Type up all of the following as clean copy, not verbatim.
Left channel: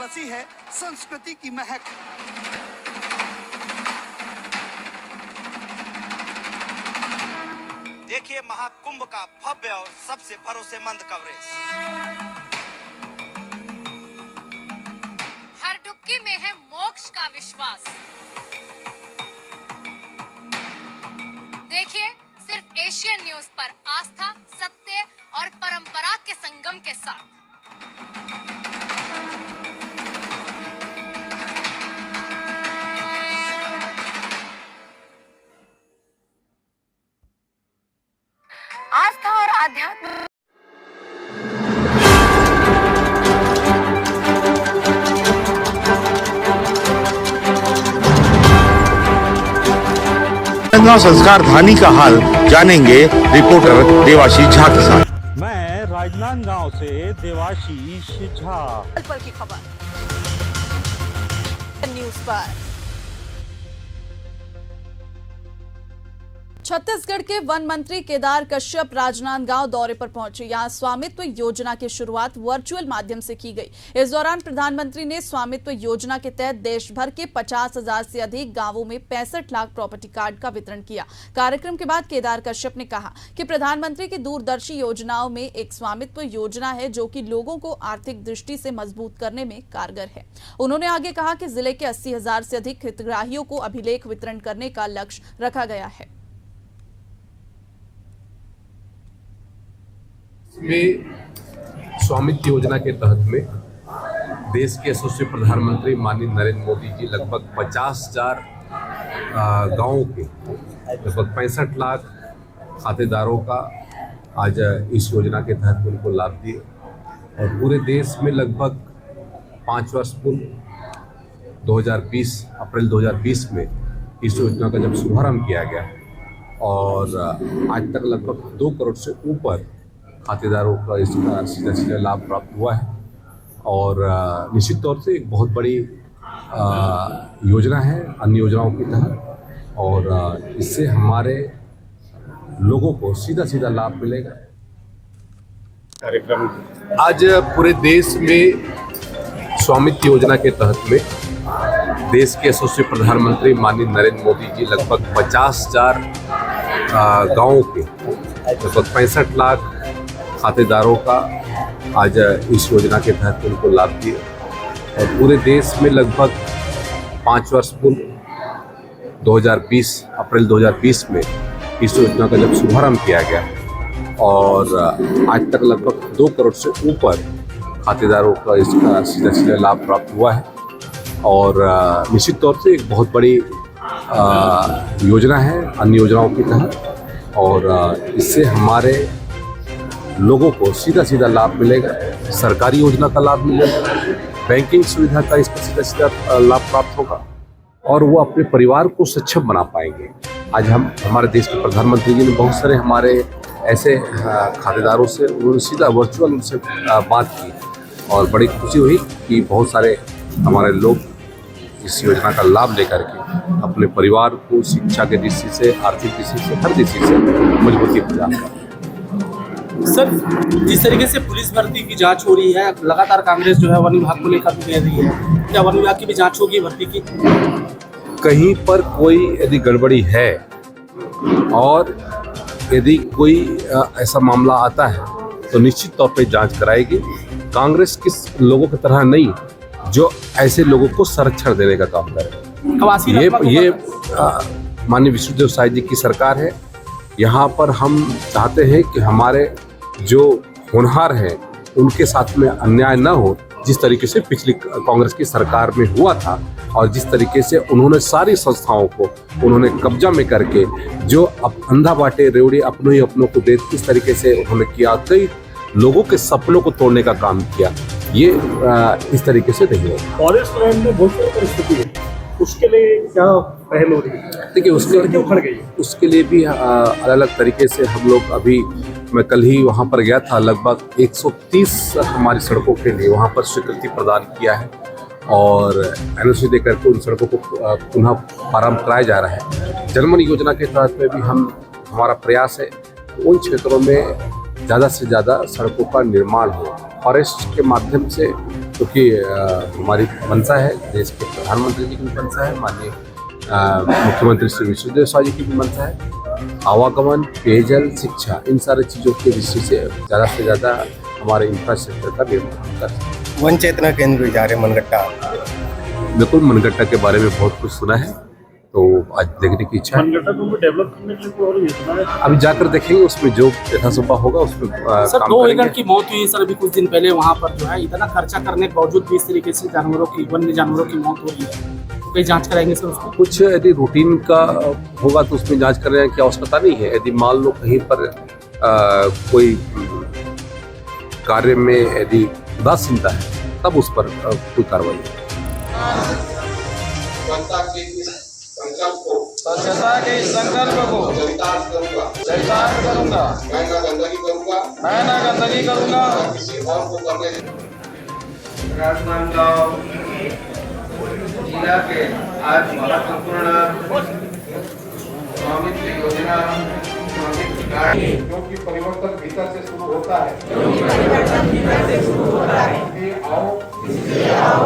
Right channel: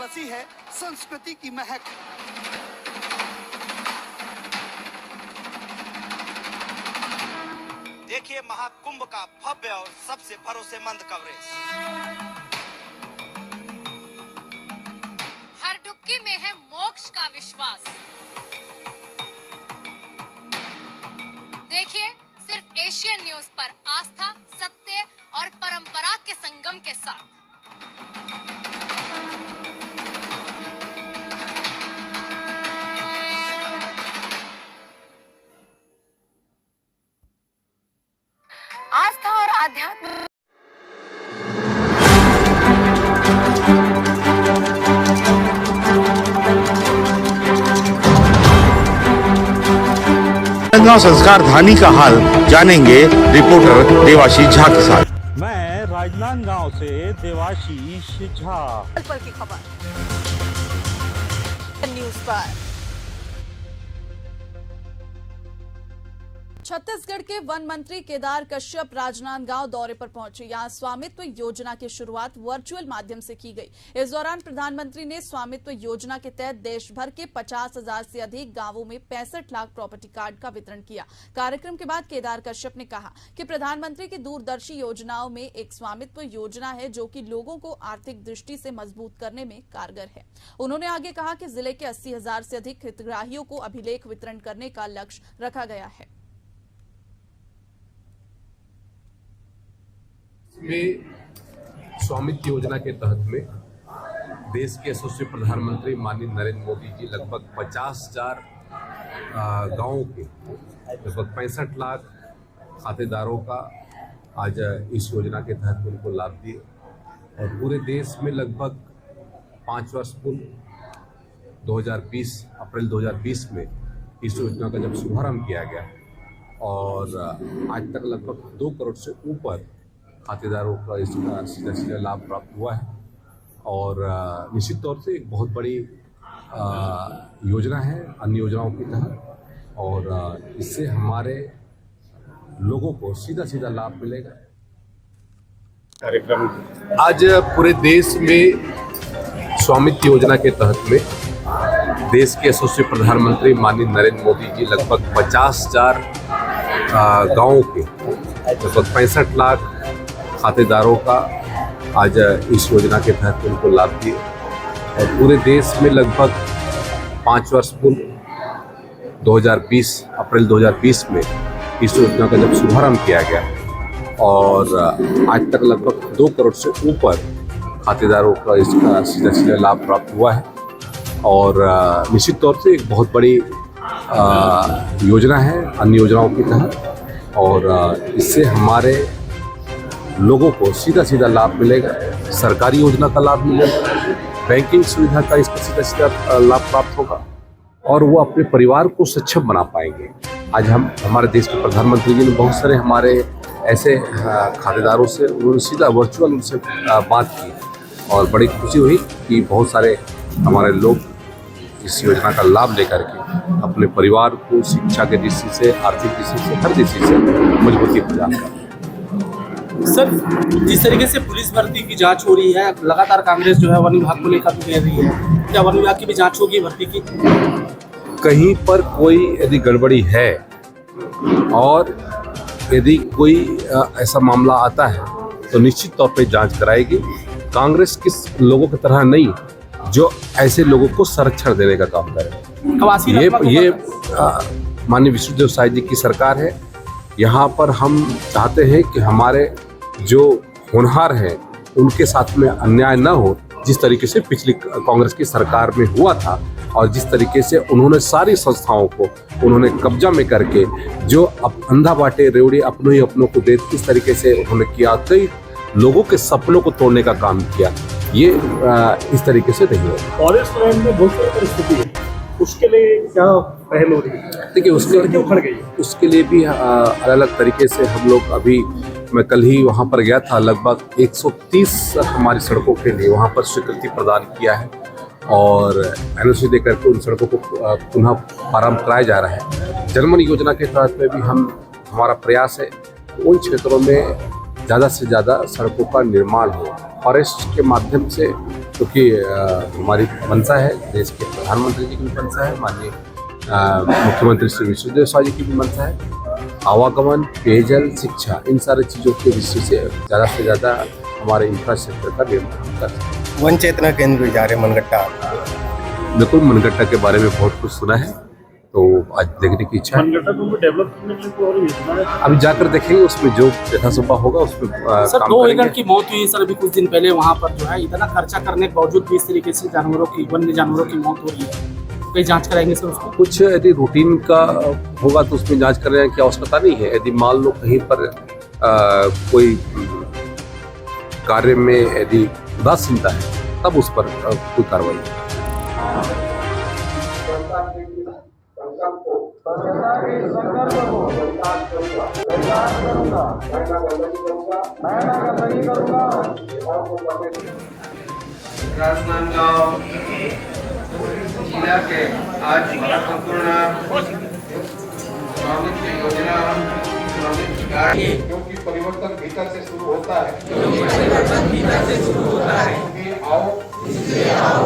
बसी है संस्कृति की महक। देखिए महाकुंभ का भव्य और सबसे भरोसेमंद कवरेज। हर डुबकी में है मोक्ष का विश्वास। देखिए सिर्फ एशियन न्यूज पर आस्था, सत्य और परंपरा के संगम के साथ। आस्था और आध्यात्म। राजनांदगांव संस्कार धानी का हाल जानेंगे रिपोर्टर देवाशीष झा के साथ। मैं राजनांदगांव से देवाशीष झा। पल की खबर न्यूज पर। छत्तीसगढ़ के वन मंत्री केदार कश्यप राजनांदगांव दौरे पर पहुंचे। यहां स्वामित्व योजना की शुरुआत वर्चुअल माध्यम से की गई। इस दौरान प्रधानमंत्री ने स्वामित्व योजना के तहत देश भर के 50,000 से अधिक गांवों में 65 लाख प्रॉपर्टी कार्ड का वितरण किया। कार्यक्रम के बाद केदार कश्यप ने कहा कि प्रधानमंत्री की दूरदर्शी योजनाओं में एक स्वामित्व योजना है जो कि लोगों को आर्थिक दृष्टि से मजबूत करने में कारगर है। उन्होंने आगे कहा कि जिले के 80,000 से अधिक हितग्राहियों को अभिलेख वितरण करने का लक्ष्य रखा गया है। में स्वामित्व योजना के तहत में देश के यशस्वी प्रधानमंत्री माननीय नरेंद्र मोदी जी लगभग 50,000 गाँवों के लगभग 65 लाख खातेदारों का आज इस योजना के तहत उनको लाभ दिए और पूरे देश में लगभग 5 वर्ष पूर्व 2020 अप्रैल 2020 में इस योजना का जब शुभारंभ किया गया और आज तक लगभग 2 करोड़ से ऊपर खातेदारों का इसका सीधा लाभ प्राप्त हुआ है और निश्चित तौर से एक बहुत बड़ी योजना है अन्य योजनाओं की तरह और इससे हमारे लोगों को सीधा लाभ मिलेगा। कार्यक्रम आज पूरे देश में स्वामित्व योजना के तहत में देश के यशस्वी प्रधानमंत्री माननीय नरेंद्र मोदी जी लगभग 50,000 गाँवों के लगभग 65 लाख खातेदारों का आज इस योजना के तहत उनको लाभ दिए और पूरे देश में लगभग 5 वर्ष पूर्व 2020 अप्रैल 2020 में इस योजना का जब शुभारंभ किया गया और आज तक लगभग 2 करोड़ से ऊपर खातेदारों का इसका सीधा लाभ प्राप्त हुआ है और निश्चित तौर से एक बहुत बड़ी योजना है अन्य योजनाओं की तरह और इससे हमारे लोगों को सीधा लाभ मिलेगा। सरकारी योजना का लाभ मिलेगा, बैंकिंग सुविधा का इसका सीधा लाभ प्राप्त होगा और वो अपने परिवार को सक्षम बना पाएंगे। आज हम हमारे देश के प्रधानमंत्री जी ने बहुत सारे हमारे ऐसे खातेदारों से उन्होंने सीधा वर्चुअल उनसे बात की और बड़ी खुशी हुई कि बहुत सारे हमारे लोग इस योजना का लाभ लेकर के अपने परिवार को शिक्षा के दृष्टि से, आर्थिक दृष्टि से, हर दृष्टि से मजबूती प्रदान कर। सर, जिस तरीके से पुलिस भर्ती की जांच हो रही है, लगातार कांग्रेस जो है वन विभाग को लेकर भी कह रही है, क्या वन विभाग की भी जांच होगी भर्ती की? कहीं पर कोई यदि गड़बड़ी है और यदि कोई ऐसा मामला आता है तो निश्चित तौर पे जांच कराएगी। कांग्रेस किस लोगों की तरह नहीं जो ऐसे लोगों को संरक्षण देने का काम करे। ये माननीय विष्णुदेव साय जी की सरकार है। यहाँ पर हम चाहते हैं कि हमारे जो होनहार हैं उनके साथ में अन्याय न हो, जिस तरीके से पिछली कांग्रेस की सरकार में हुआ था और जिस तरीके से उन्होंने सारी संस्थाओं को उन्होंने कब्जा में करके जो अब अंधा बाटे रेवड़ी अपनों ही अपनों को दे, इस तरीके से उन्होंने किया, कई लोगों के सपनों को तोड़ने का काम किया। ये इस तरीके से नहीं होगा। फॉरेस्ट लैंड में बहुत सारी परिस्थिति है, उसके लिए क्या पहल हो रही है? देखिए उसके लिए भी अलग अलग तरीके से हम लोग अभी, मैं कल ही वहाँ पर गया था, लगभग 130 हमारी सड़कों के लिए वहाँ पर स्वीकृति प्रदान किया है और एनओसी देकर के उन सड़कों को पुनः प्रारंभ कराया जा रहा है। जनमन योजना के तहत में भी हमारा प्रयास है उन क्षेत्रों में ज़्यादा से ज़्यादा सड़कों का निर्माण हो। फॉरेस्ट के माध्यम से क्योंकि हमारी मंशा है, देश के प्रधानमंत्री जी की भी मंशा है, माननीय मुख्यमंत्री श्री विष्णुदेव साय जी की भी मंशा है। आवागमन, पेयजल, शिक्षा, इन सारी चीज़ों की दृष्टि से ज़्यादा से ज़्यादा हमारे इंफ्रास्ट्रक्चर का निर्माण कर सकते। वन चेतना केंद्र भी जा रहे मनगट्टा। बिल्कुल, मनगट्टा के बारे में बहुत कुछ सुना है, तो आज देखने की इच्छा है। मनगट्टा को डेवलप करने के लिए कोई और योजना है? अभी जाकर देखेंगे, उसमें जो यथासंभव होगा उसमें सर 2 एकड़ की मौत हुई सर अभी कुछ दिन पहले वहाँ पर जो है, इतना खर्चा करने के बावजूद भी इस तरीके से जानवरों की, वन्य जानवरों की मौत हो रही है, तो कहीं जांच कराएंगे सर उसको? कुछ यदि रूटीन का होगा तो उसमें जांच करने की आवश्यकता नहीं है। यदि मान लो कहीं पर कोई कार्य में यदि उदासीनता है तब उस पर कोई कार्रवाई है। स्वच्छता के संकल्प को चरितार्थ करूंगा। मैं ना गंदगी करूंगा। राजनांदगांव जिला के आज महत्वपूर्ण स्वामित्व योजना क्योंकि परिवर्तन भीतर से शुरू होता है। इसलिए आओ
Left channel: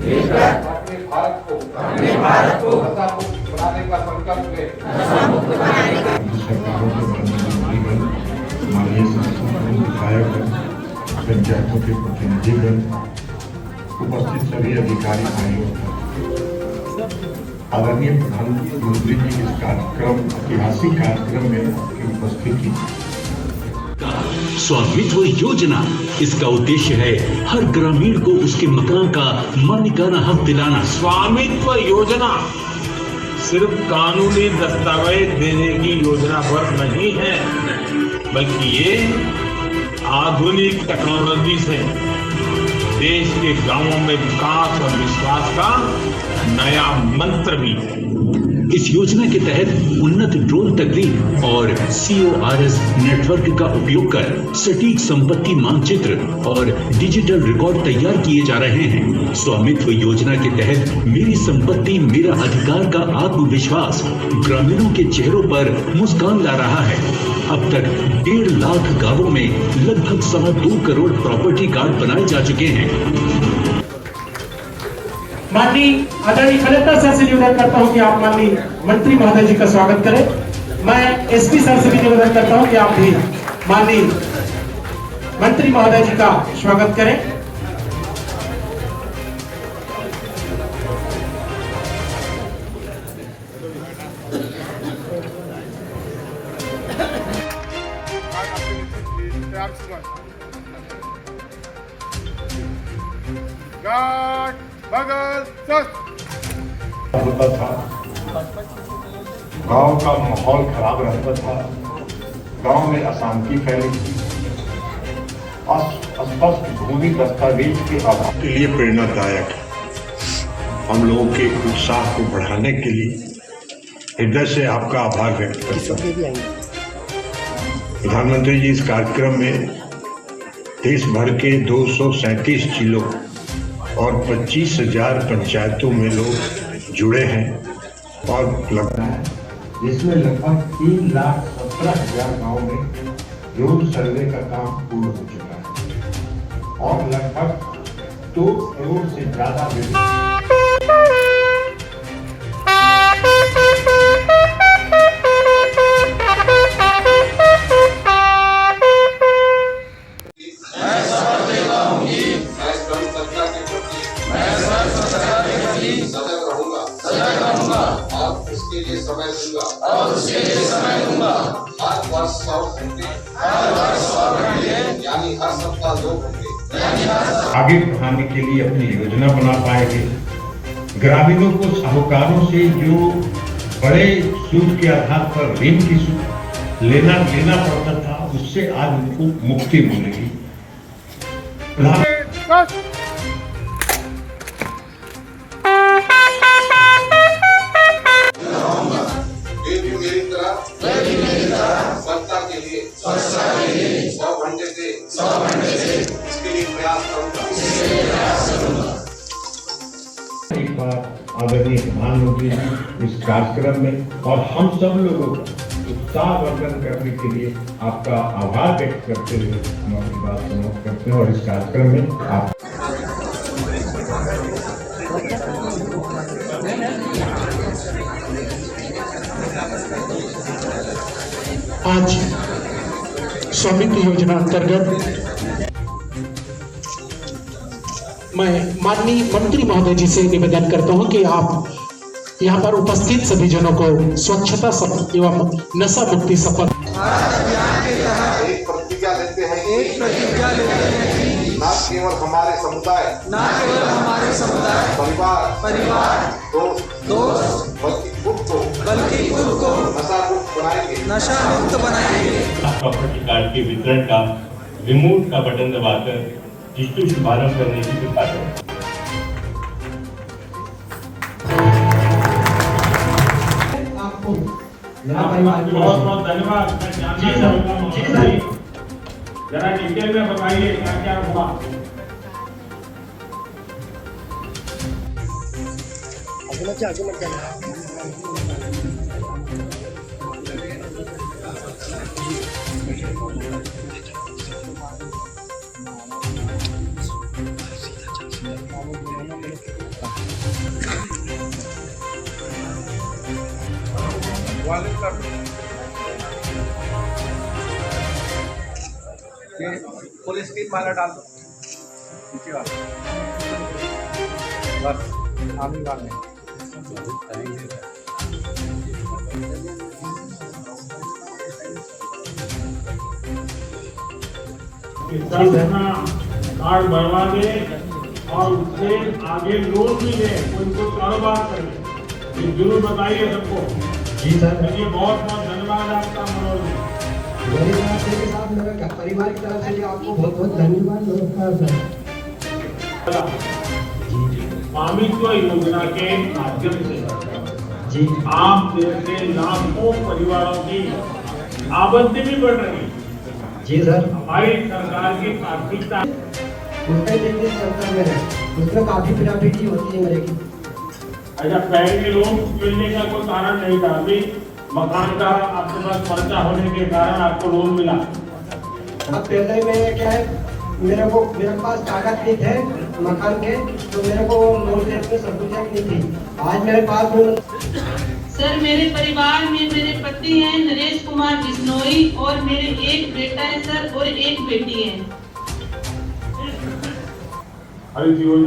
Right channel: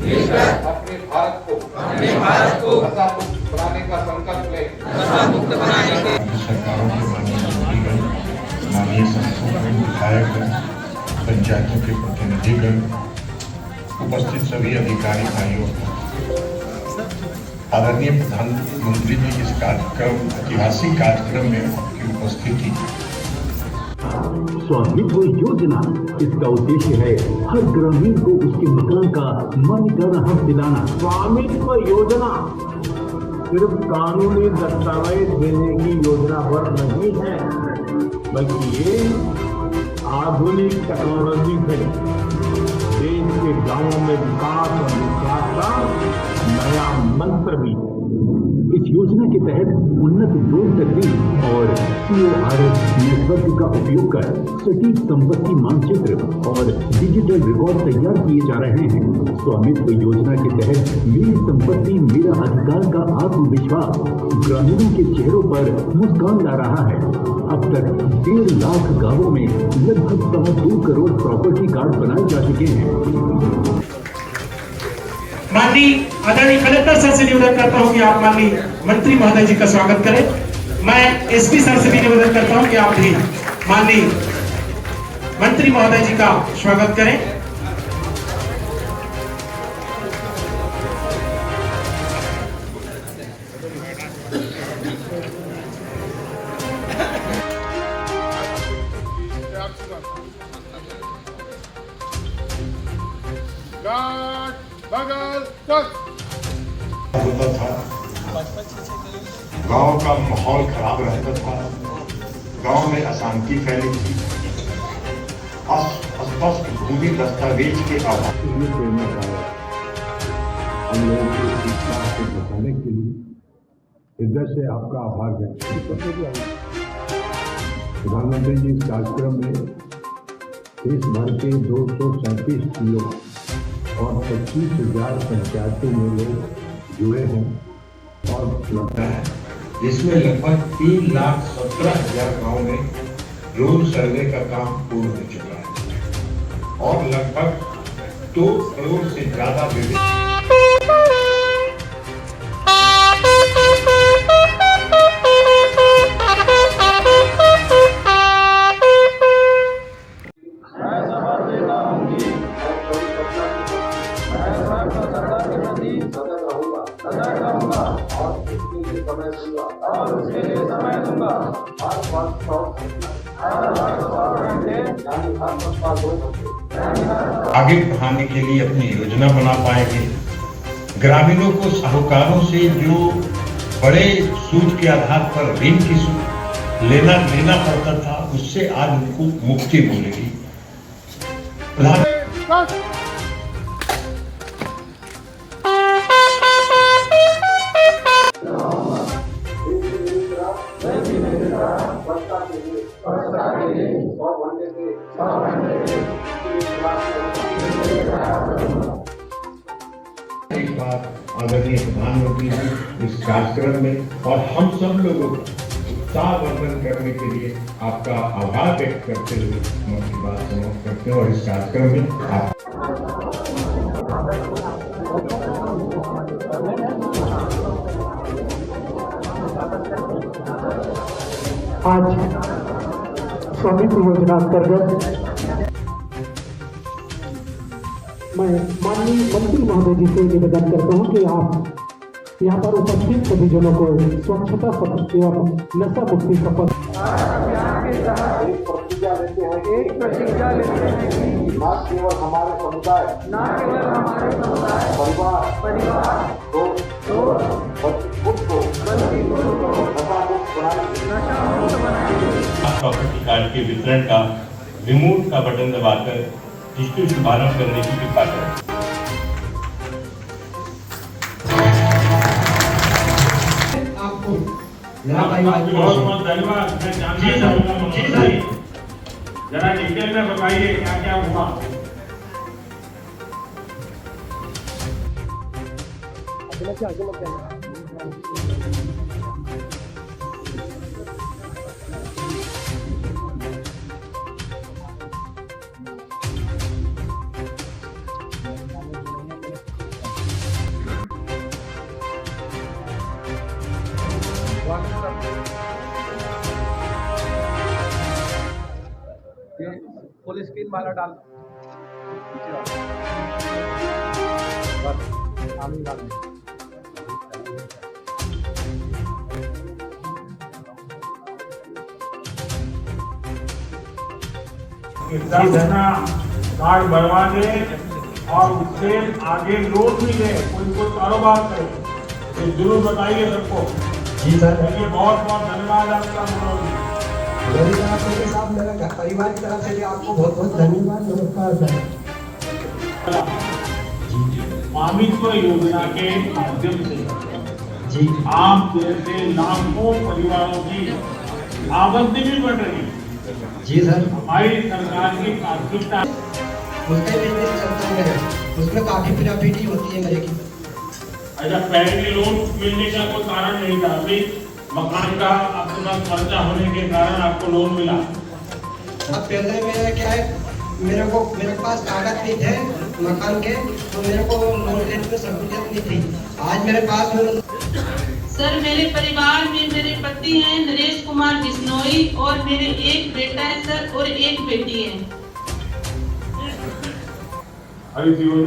मिलकर अपने भारत को नशा मुक्त बनाने का संकल्प ले। सरकारों के माननीय संस्थानों, विधायक, पंचायतों के प्रतिनिधिगण, उपस्थित सभी अधिकारी भाइयों, आदरणीय प्रधानमंत्री जी इस कार्यक्रम, ऐतिहासिक कार्यक्रम में आपकी उपस्थिति। स्वामित्व योजना, इसका उद्देश्य है हर ग्रामीण को उसके मकान का मालिकाना हक दिलाना। स्वामित्व योजना सिर्फ कानूनी दस्तावेज देने की योजना पर नहीं है, बल्कि ये आधुनिक टेक्नोलॉजी से देश के गांवों में विकास और विश्वास का नया मंत्र भी है। इस योजना के तहत उन्नत ड्रोन तकनीक और CORS नेटवर्क का उपयोग कर सटीक संपत्ति मानचित्र और डिजिटल रिकॉर्ड तैयार किए जा रहे हैं। स्वामित्व योजना के तहत मेरी संपत्ति मेरा अधिकार का आत्मविश्वास ग्रामीणों के चेहरों पर मुस्कान ला रहा है। अब तक 1.5 लाख गांवों में लगभग 2.25 करोड़ प्रॉपर्टी कार्ड बनाए जा चुके हैं। माननीय आदरणीय कलेक्टर सर से निवेदन करता हूं कि आप माननीय मंत्री महोदय जी का स्वागत करें। मैं SP सर से भी निवेदन करता हूं कि आप भी माननीय मंत्री महोदय जी का स्वागत करें। होता था, गांव का माहौल खराब रहता था, गांव में अशांति फैली थी, अस्पष्ट भूमि दस्तावेज के अभाव के लिए प्रेरणादायक, हम लोगों के उत्साह को बढ़ाने के लिए हृदय से आपका आभार व्यक्त करता हूं। प्रधानमंत्री जी इस कार्यक्रम में देश भर के 237 जिलों और 25,000 पंचायतों में लोग जुड़े हैं और लगता है जिसमें लगभग 3,17,000 गाँव में ड्रोन सर्वे का काम पूर्ण हो चुका है और लगभग 2 करोड़ से ज्यादा आगे बढ़ाने के लिए अपनी योजना बना पाए थे। ग्रामीणों को साहूकारों से जो बड़े सूद के आधार पर ऋण की लेना पड़ता था, उससे आज उनको मुक्ति मिलेगी। एक बार आदरणीय प्रधानमंत्री जी इस कार्यक्रम में और हम सब लोगों को उत्साहवर्धन करने के लिए आपका आभार व्यक्त करते हुए हम अपनी बात समाप्त करते हैं और इस कार्यक्रम में आप आज स्वामित्व योजना अंतर्गत मैं माननीय मंत्री महोदय जी से निवेदन करता हूं कि आप यहाँ पर उपस्थित सभी जनों को स्वच्छता शपथ एवं नशा मुक्ति शपथ एक प्रतिज्ञा लेते हैं कि न केवल हमारे समुदाय परिवार दोस्त बल्कि खुद को नशा मुक्त बनाएंगे। प्रॉपर्टी कार्ड के वितरण का रिमोट का बटन दबाकर इसको शुभारंभ करने की कृपा करें। बहुत बहुत धन्यवाद। मैं जानना चाहूंगा जरा डिटेल में बताइए क्या क्या हुआ। पुलिस की माला डाल दो बस आने वाले कार्ड बढ़वा दे और उससे आगे लोग भी दे, कोई को कारोबार करे, ये जरूर बताइए सबको। जी सर, बहुत बहुत धन्यवाद आपका मनोज जी। के साथ मेरा परिवार की तरफ से भी आपको बहुत बहुत धन्यवाद। नमस्कार सर। स्वामित्व योजना के माध्यम से जी आप जैसे लाखों परिवारों की आमदनी भी बढ़ रही है। जी सर, हमारी सरकार की प्राथमिकता उसमें काफी फिराफिटी होती है मेरे की। अच्छा, पहले लोन मिलने का कोई कारण नहीं था, अभी मकान का आपके पास पर्चा होने के कारण आपको लोन मिला। अब पहले मेरा क्या है, मेरे पास कागज भी थे मकान के, तो मेरे को लोन लेने में सहूलियत नहीं थी। आज मेरे पास सर, मेरे परिवार में मेरे पति हैं नरेश कुमार बिश्नोई और मेरे एक बेटा है सर और एक बेटी है।